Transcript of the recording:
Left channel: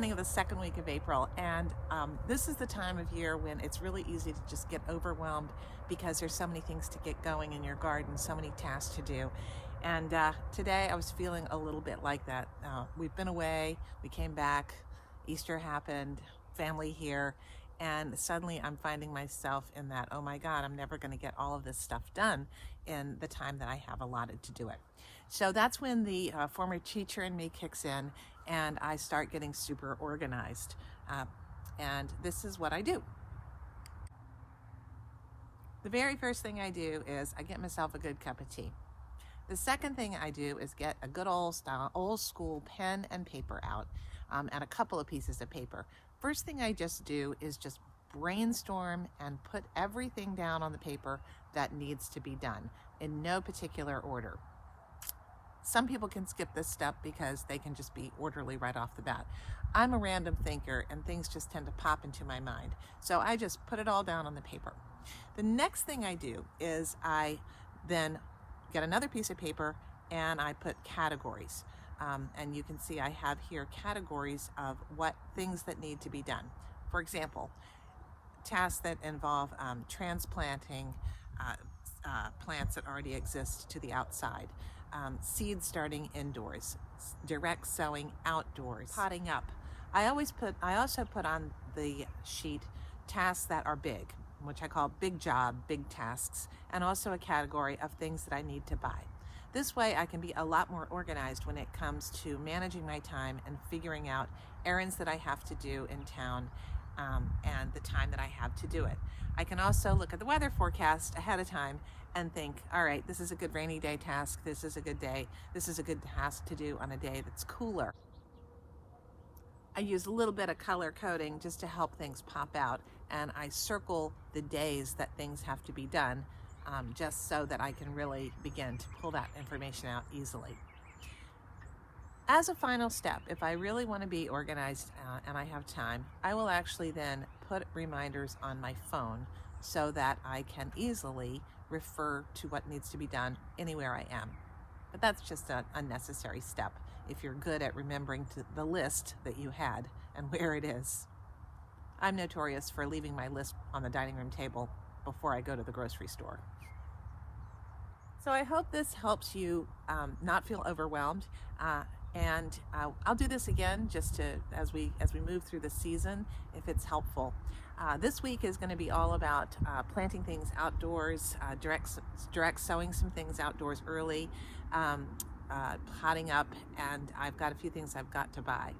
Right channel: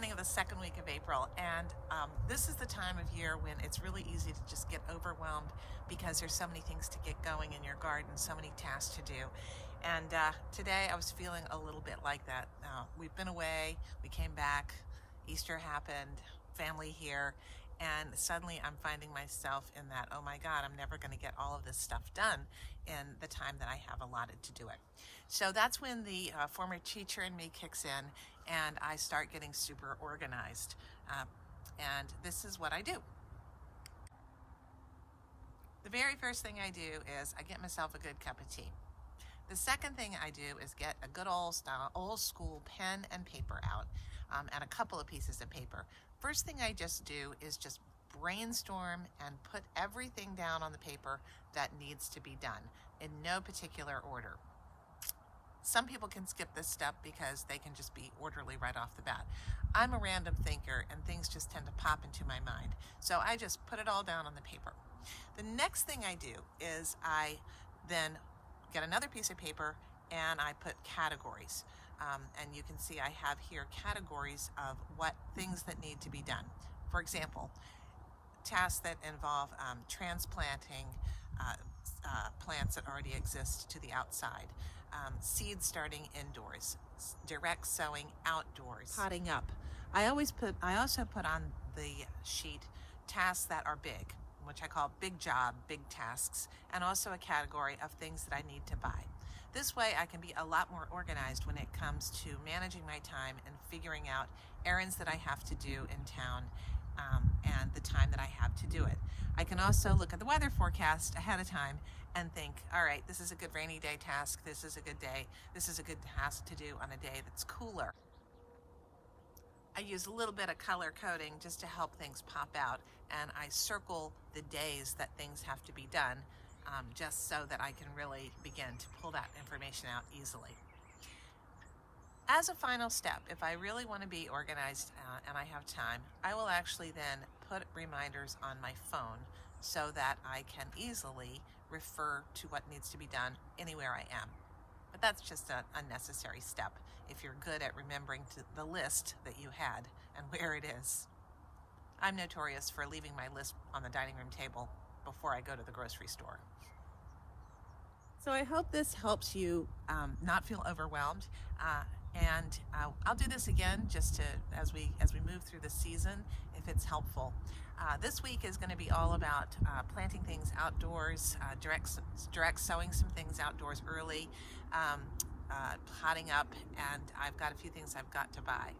beginning of the second week of April, and this is the time of year when it's really easy to just get overwhelmed because there's so many things to get going in your garden, so many tasks to do. And today I was feeling a little bit like that. We've been away, we came back, Easter happened, family here, and suddenly I'm finding myself in that, oh my God, I'm never going to get all of this stuff done in the time that I have allotted to do it. So that's when the former teacher in me kicks in and I start getting super organized. And this is what I do. The very first thing I do is I get myself a good cup of tea. The second thing I do is get a good old school pen and paper out, and a couple of pieces of paper. First thing I just do is just brainstorm and put everything down on the paper that needs to be done in no particular order. Some people can skip this step because they can just be orderly right off the bat. I'm a random thinker and things just tend to pop into my mind. So I just put it all down on the paper. The next thing I do is I then get another piece of paper and I put categories. And you can see I have here categories of what things that need to be done. For example, tasks that involve transplanting plants that already exist to the outside, seed starting indoors, direct sowing outdoors, potting up. I also put on the sheet tasks that are big, which I call big job, big tasks, and also a category of things that I need to buy. This way I can be a lot more organized when it comes to managing my time and figuring out errands that I have to do in town and the time that I have to do it. I can also look at the weather forecast ahead of time and think, all right, this is a good rainy day task, this is a good day, this is a good task to do on a day that's cooler. I use a little bit of color coding just to help things pop out, and I circle the days that things have to be done just so that I can really begin to pull that information out easily. As a final step, if I really want to be organized and I have time, I will actually then put reminders on my phone so that I can easily refer to what needs to be done anywhere I am. But that's just an unnecessary step if you're good at remembering the list that you had and where it is. I'm notorious for leaving my list on the dining room table before I go to the grocery store. So I hope this helps you not feel overwhelmed. And I'll do this again just to as we move through the season if it's helpful. This week is going to be all about planting things outdoors, direct sowing some things outdoors early, potting up, and I've got a few things I've got to buy.